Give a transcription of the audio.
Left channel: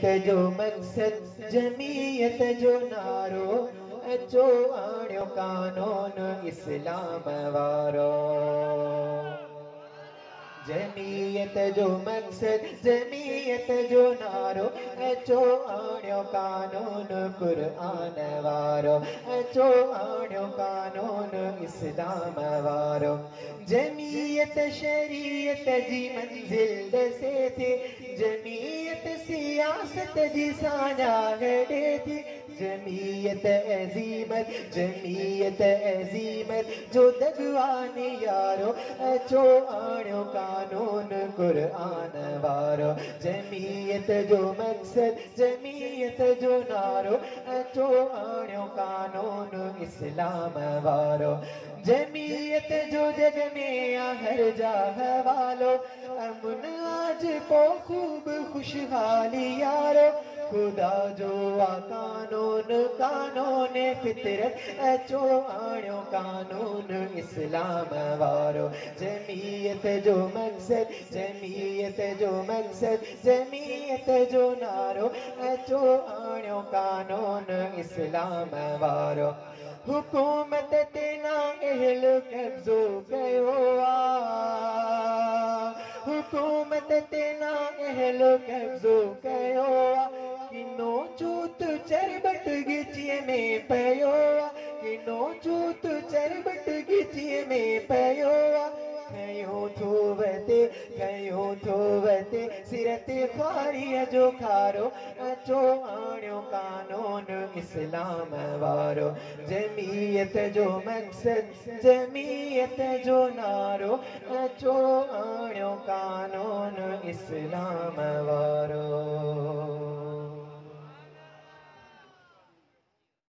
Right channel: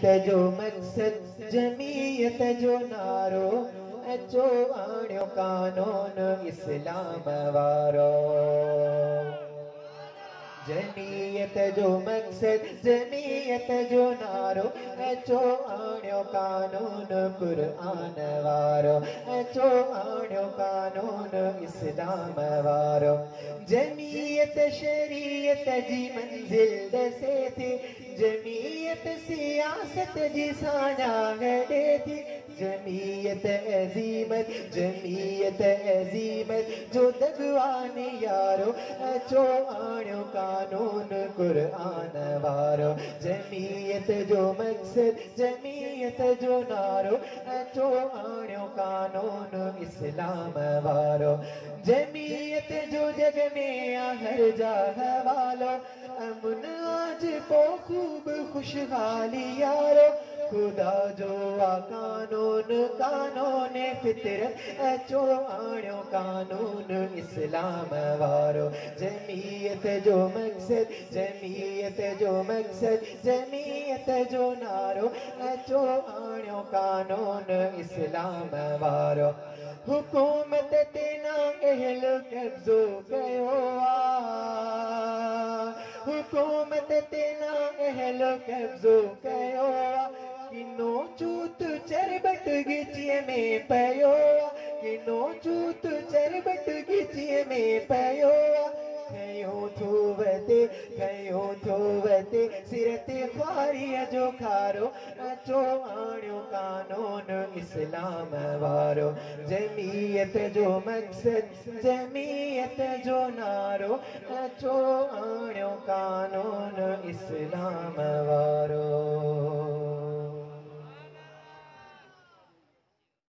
जमीयत जो मकसद जमीयत जो नारो अचो आणियो कानून इस्लाम वारो। जमीयत जो मकसद जमीयत जो नारो अचो आणियो कानून कुरान वारो अचो आणियो कानून इस्लाम वारो। जमीयत शरीयत जी मंजिल दसे थी जमीयत सियासत जी साझा गॾे थी। जमीयत अज़ीमत जो दगवान यारो अचो आणियो कानून कुरान वारो। जमीयत जो मकसद जमीयत जो नारो अचो आणियो कानून इस्लाम वारो। जमीयत जो जग में हर जगह वालो अमन आज को खूब खुशहाली यारो। खुदा जो कानून कानून फितरत अचो आणियो कानून इस्लाम वारो। जमीयत जो मकसद जमीयत जो मकसद जमीयत जो नारो अचो आणियो कानून इस्लाम वारो। हुकूमत तेना अहल कब्जो कयो हुकूमत तेना अहल कब्जो कयो किनो चूत चरबट गिचीअ में पयो किनो चूत चरबट गिचीअ में पयो। कयो थो वते सिरत ख्वारीअ जो खारो अचो आणियो कानून इस्लाम वारो। जमीयत जो मकसद जमीयत जो नारो अचो आणियो कानून इस्लाम वारो।